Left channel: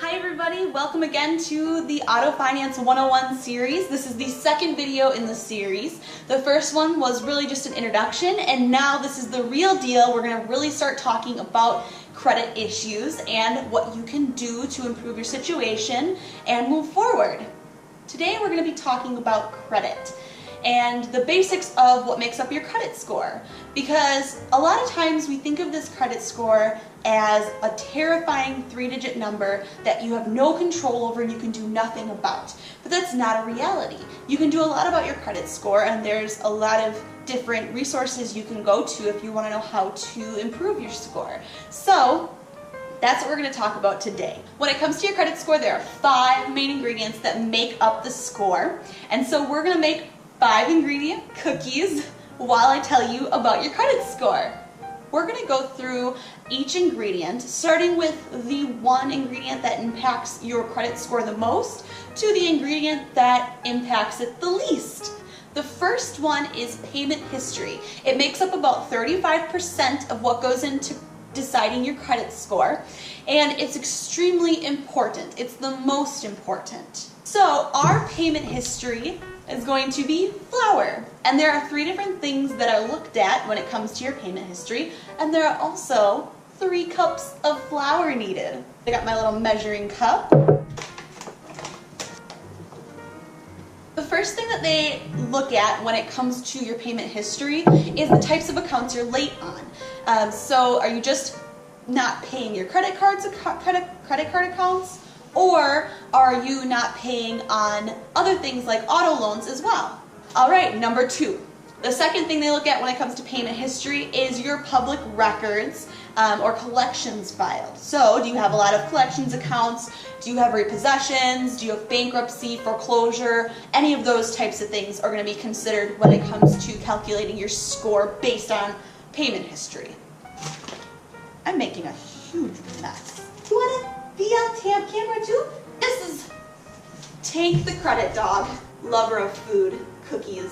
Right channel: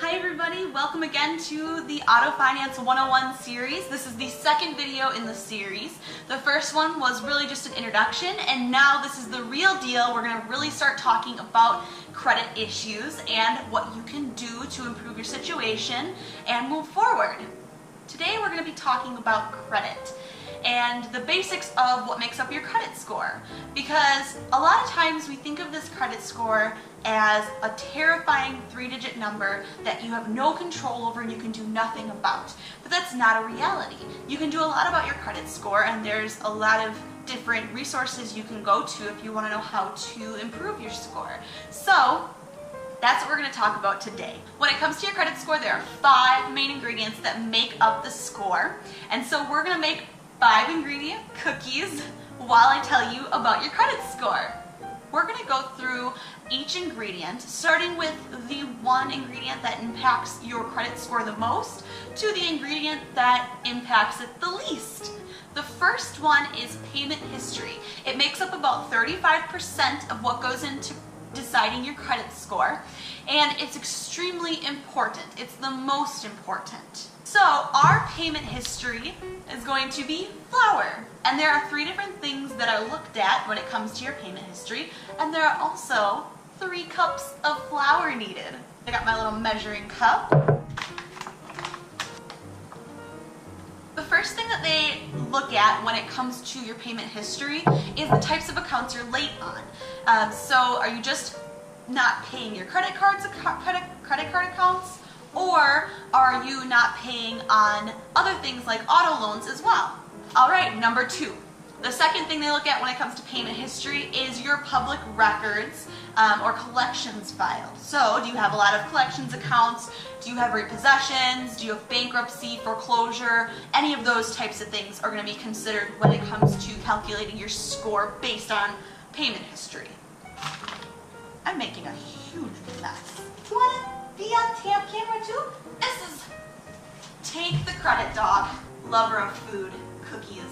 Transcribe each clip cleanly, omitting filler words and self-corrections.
Hi everybody, welcome again to the Auto Finance 101 series. This is the second video in the series. The first one was really just an introduction, and now this is the real deal. We're going to really start talking about credit issues and what you can do to improve your situation and move forward. Today we're going to be talking about credit and the basics of what makes up your credit score, because a lot of times we think of this credit score as a terrifying 3-digit number that you have no control over and you can do nothing about. But that's not a reality. You can do a lot about your credit score, and there's a lot of different resources you can go to if you want to know how to improve your score. So that's what we're going to talk about today. When it comes to your credit score, there are 5 main ingredients that make up the score, and so we're going to make 5 ingredient cookies while I tell you about your credit score. We're going to go through each ingredient, starting with the one ingredient that impacts your credit score the most to the ingredient that impacts it the least. The first one is payment history. It makes up about 35% of what goes into deciding your credit score, and it's extremely important. It's the most important. So our payment history is going to be flour, and there are 3 different things that are looked at when it comes to your payment history, and there are also 3 cups of flour needed. I got my little measuring cup. The first thing that they look at when it comes to your payment history is the types of accounts you're late on. So are you just not paying your credit card accounts, or are you not paying on other things like auto loans as well? All right, number 2. The second thing they look at when it comes to payment history is your public records or collections filed. So do you have a lot of collections accounts? Do you have repossessions? Do you have bankruptcy, foreclosure? Any of those types of things are going to be considered when it comes to calculating your score based on payment history. I'm making a huge mess. Do you want to be on camera too? This is Tank the Credit Dog, lover of food, cookies,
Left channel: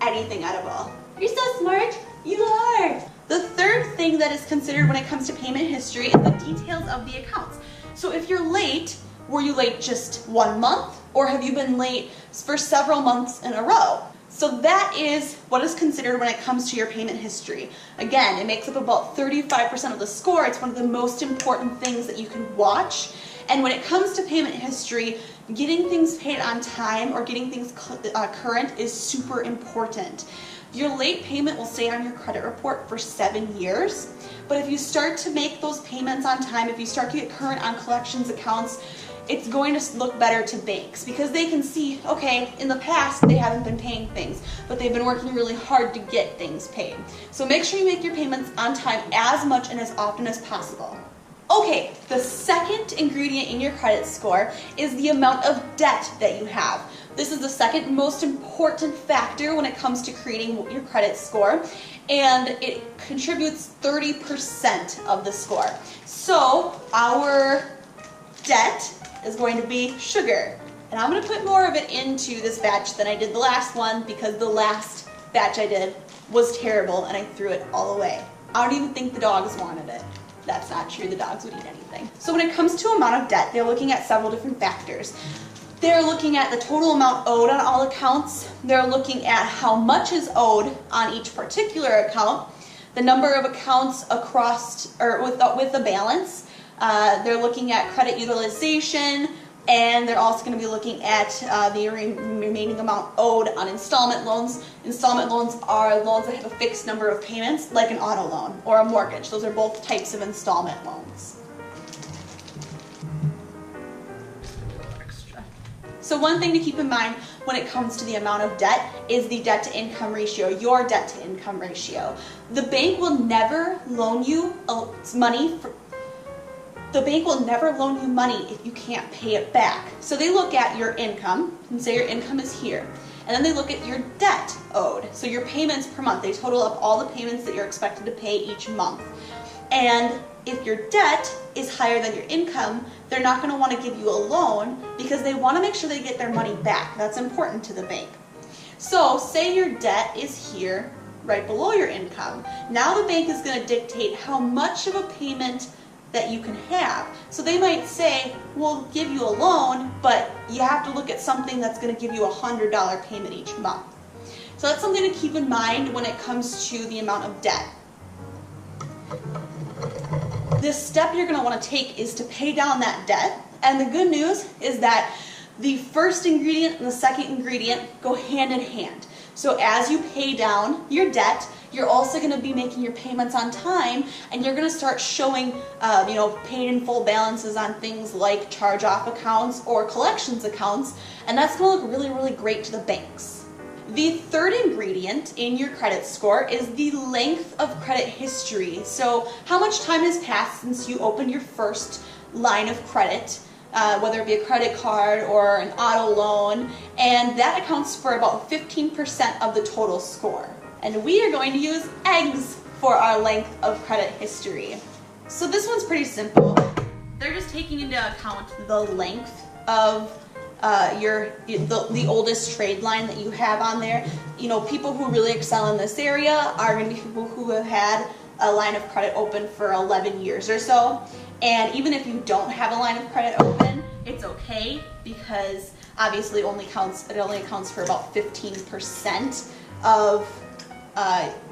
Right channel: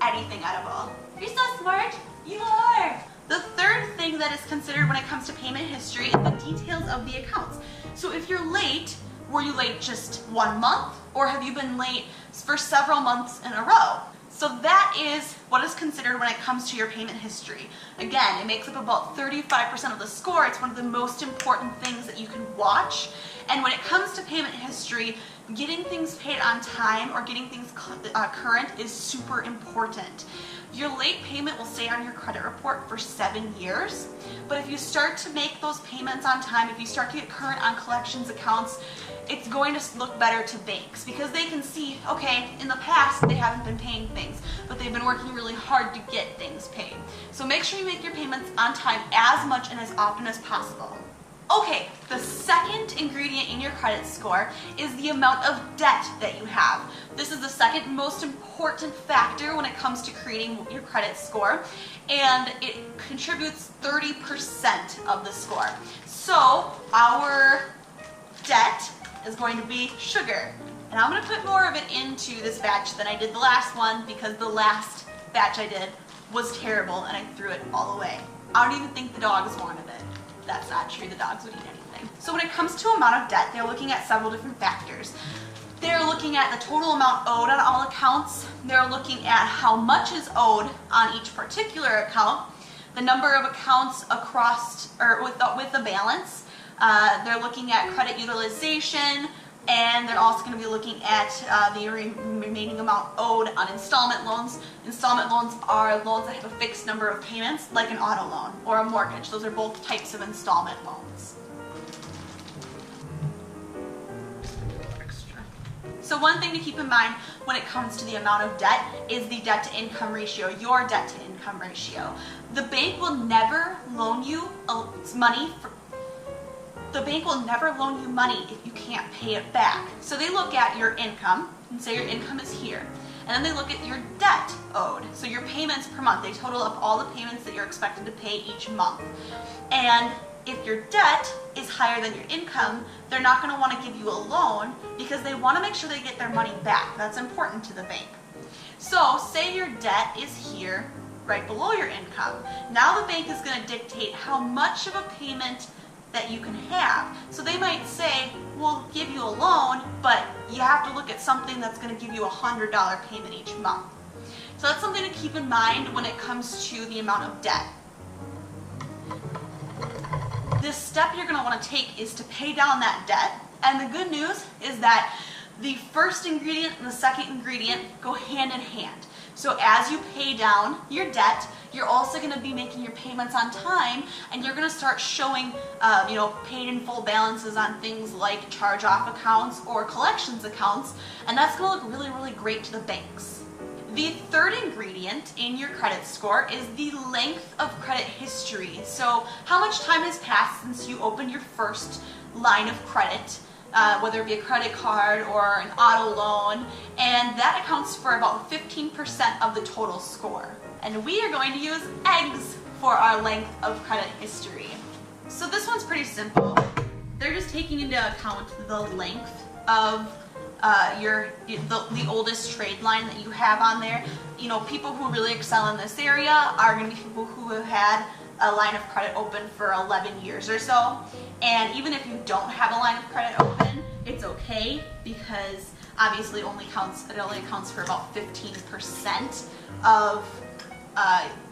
anything edible. You're so smart. You are. The third thing that is considered when it comes to payment history is the details of the accounts. So if you're late, were you late just 1 month, or have you been late for several months in a row? So that is what is considered when it comes to your payment history. Again, it makes up about 35% of the score. It's one of the most important things that you can watch. And when it comes to payment history, getting things paid on time or getting things current is super important. Your late payment will stay on your credit report for 7 years, but if you start to make those payments on time, if you start to get current on collections accounts, it's going to look better to banks because they can see, okay, in the past they haven't been paying things, but they've been working really hard to get things paid. So make sure you make your payments on time as much and as often as possible. Okay, the second ingredient in your credit score is the amount of debt that you have. This is the second most important factor when it comes to creating your credit score, and it contributes 30% of the score. So our debt is going to be sugar, and I'm going to put more of it into this batch than I did the last one because the last batch I did was terrible and I threw it all away. I don't even think the dogs wanted it. That's not true, the dogs would eat anything. So when it comes to amount of debt, they're looking at several different factors. They're looking at the total amount owed on all accounts. They're looking at how much is owed on each particular account, the number of accounts across or with the balance. They're looking at credit utilization, and they're also going to be looking at the remaining amount owed on installment loans. Installment loans are loans that have a fixed number of payments, like an auto loan or a mortgage. Those are both types of installment loans. So one thing to keep in mind when it comes to the amount of debt is the debt to income ratio, your debt to income ratio. The bank will never loan you money if you can't pay it back. So they look at your income and say your income is here. And then they look at your debt owed. So your payments per month. They total up all the payments that you're expected to pay each month. And if your debt is higher than your income, they're not going to want to give you a loan because they want to make sure they get their money back. That's important to the bank. So say your debt is here, right below your income. Now the bank is going to dictate how much of a payment that you can have. So they might say, will give you a loan, but you have to look at something that's going to give you a $100 payment each month. So that's something to keep in mind when it comes to the amount of debt. This step you're going to want to take is to pay down that debt, and the good news is that the first ingredient and the second ingredient go hand in hand. So as you pay down your debt, you're also going to be making your payments on time, and you're going to start showing paid in full balances on things like charge-off accounts or collections accounts, and that's going to look really, really great to the banks. The third ingredient in your credit score is the length of credit history. So how much time has passed since you opened your first line of credit, whether it be a credit card or an auto loan, and that accounts for about 15% of the total score. And we are going to use eggs for our length of credit history. So this one's pretty simple. They're just taking into account the length of the oldest trade line that you have on there. You know, people who really excel in this area are going to be people who have had a line of credit open for 11 years or so. And even if you don't have a line of credit open, it's okay, because obviously it only accounts for about 15% of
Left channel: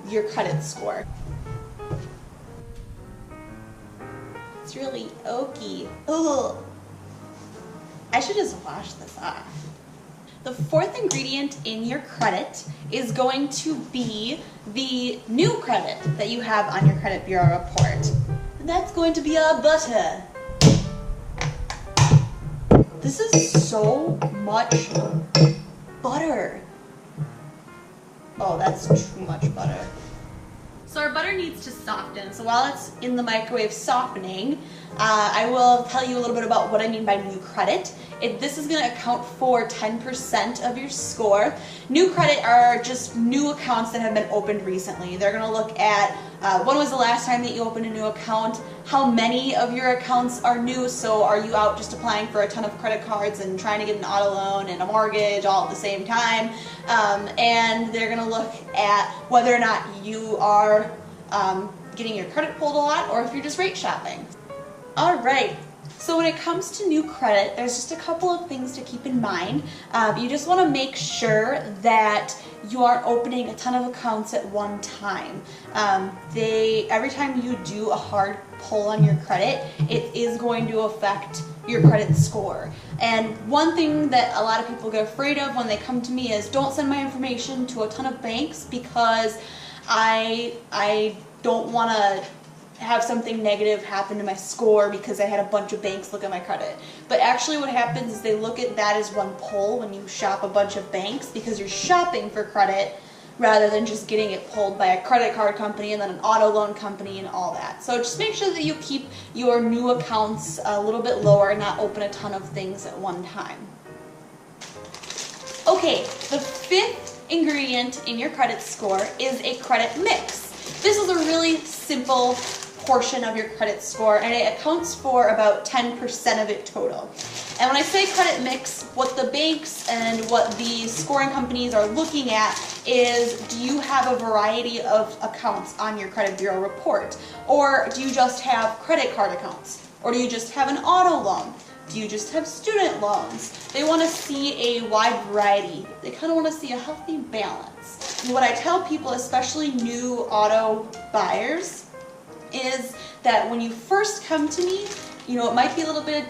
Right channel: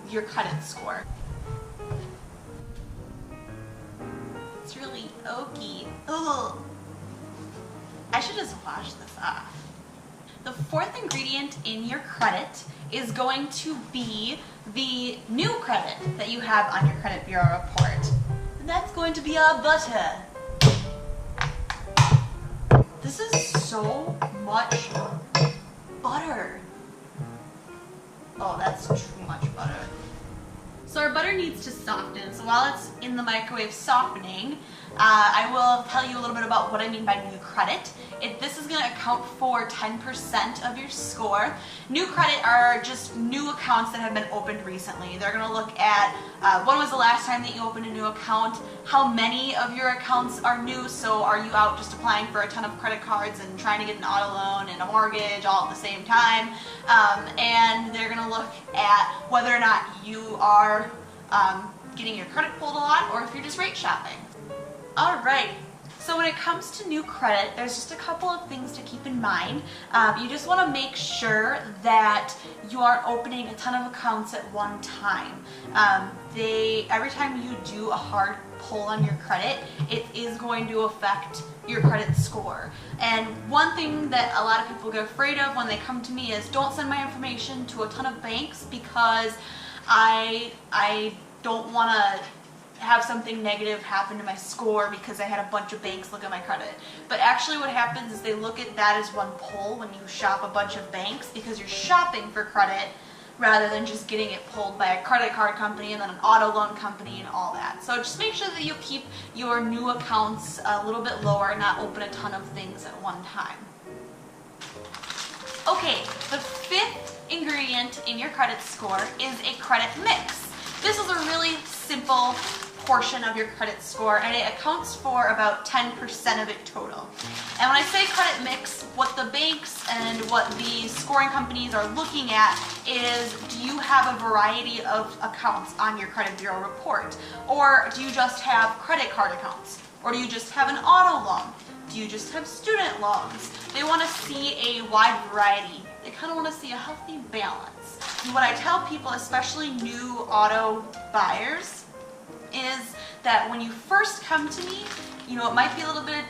your credit score. It's really oaky. Ugh. I should just wash this off. The fourth ingredient in your credit is going to be the new credit that you have on your credit bureau report. And that's going to be our butter. This is so much butter. Oh, that's too much butter. So our butter needs to soften. So while it's in the microwave softening, I will tell you a little bit about what I mean by new credit. This is going to account for 10% of your score. New credit are just new accounts that have been opened recently. They're going to look at when was the last time that you opened a new account, how many of your accounts are new, so are you out just applying for a ton of credit cards and trying to get an auto loan and a mortgage all at the same time, and they're going to look at whether or not you are getting your credit pulled a lot, or if you're just rate shopping. Alright, so when it comes to new credit, there's just a couple of things to keep in mind. You just want to make sure that you aren't opening a ton of accounts at one time. Every time you do a hard pull on your credit, it is going to affect your credit score. And one thing that a lot of people get afraid of when they come to me is, don't send my information to a ton of banks because I don't want to have something negative happen to my score because I had a bunch of banks look at my credit. But actually what happens is they look at that as one pull when you shop a bunch of banks, because you're shopping for credit rather than just getting it pulled by a credit card company and then an auto loan company and all that. So just make sure that you keep your new accounts a little bit lower and not open a ton of things at one time. Okay, the fifth ingredient in your credit score is a credit mix. This is a really simple portion of your credit score, and it accounts for about 10% of it total. And when I say credit mix, what the banks and what the scoring companies are looking at is, do you have a variety of accounts on your credit bureau report? Or do you just have credit card accounts? Or do you just have an auto loan? Do you just have student loans? They want to see a wide variety. They kind of want to see a healthy balance. And what I tell people, especially new auto buyers, is that when you first come to me, it might be a little bit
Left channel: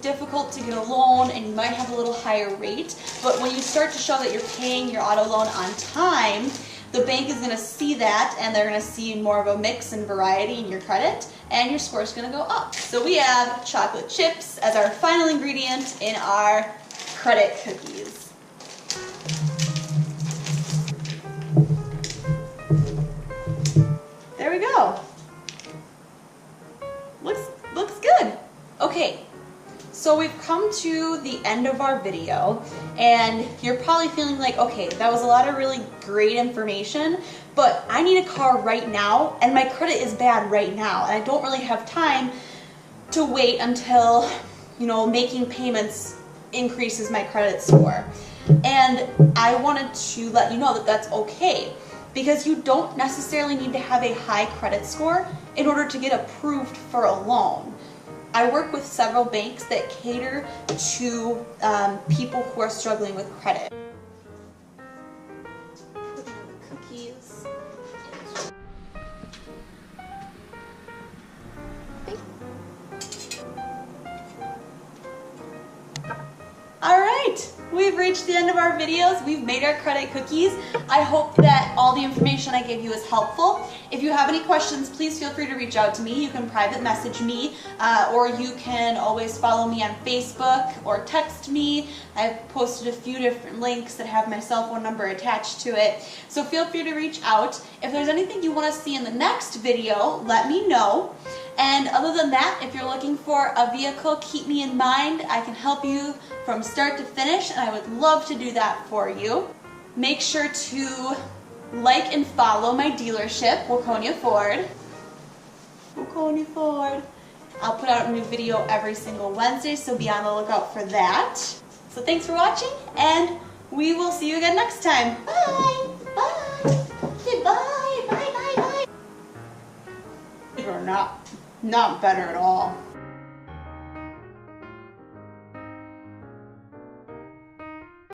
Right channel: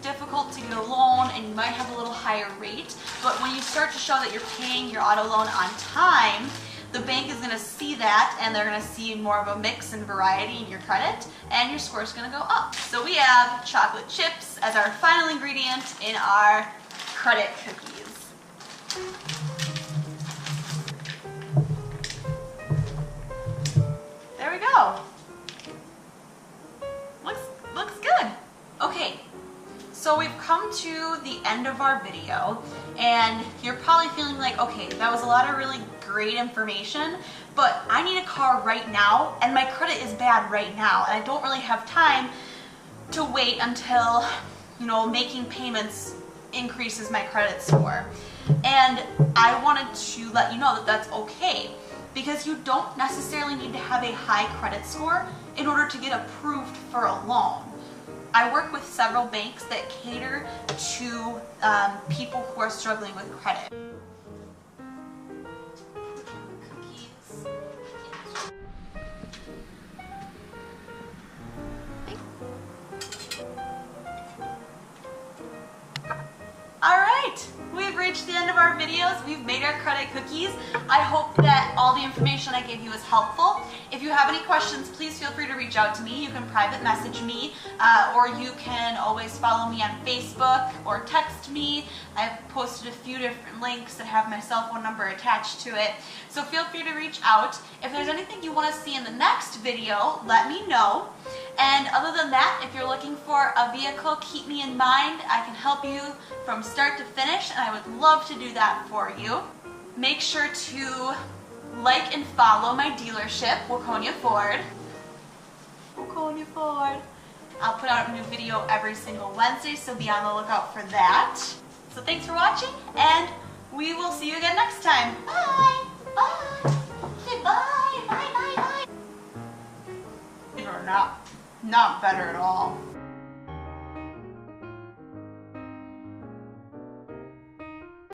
difficult to get a loan and you might have a little higher rate, but when you start to show that you're paying your auto loan on time, the bank is going to see that, and they're going to see more of a mix and variety in your credit, and your score is going to go up. So we have chocolate chips as our final ingredient in our credit cookies. There we go. Looks good. Okay, so we've come to the end of our video, and you're probably feeling like, okay, that was a lot of really great information, but I need a car right now, and my credit is bad right now, and I don't really have time to wait until, making payments increases my credit score. And I wanted to let you know that that's okay, because you don't necessarily need to have a high credit score in order to get approved for a loan. I work with several banks that cater to people who are struggling with credit. Cookies. All right, we've reached the end of our videos. We've made our credit cookies. I hope that all the information I gave you is helpful. If you have any questions, please feel free to reach out to me. You can private message me, or you can always follow me on Facebook or text me. I've posted a few different links that have my cell phone number attached to it. So feel free to reach out. If there's anything you want to see in the next video, let me know. And other than that, if you're looking for a vehicle, keep me in mind. I can help you from start to finish, and I would love to do that for you. Make sure to like and follow my dealership, Waconia Ford. Waconia Ford. I'll put out a new video every single Wednesday, so be on the lookout for that. So thanks for watching, and we will see you again next time. Bye! Bye! Goodbye! Bye, bye, bye! These are not better at all.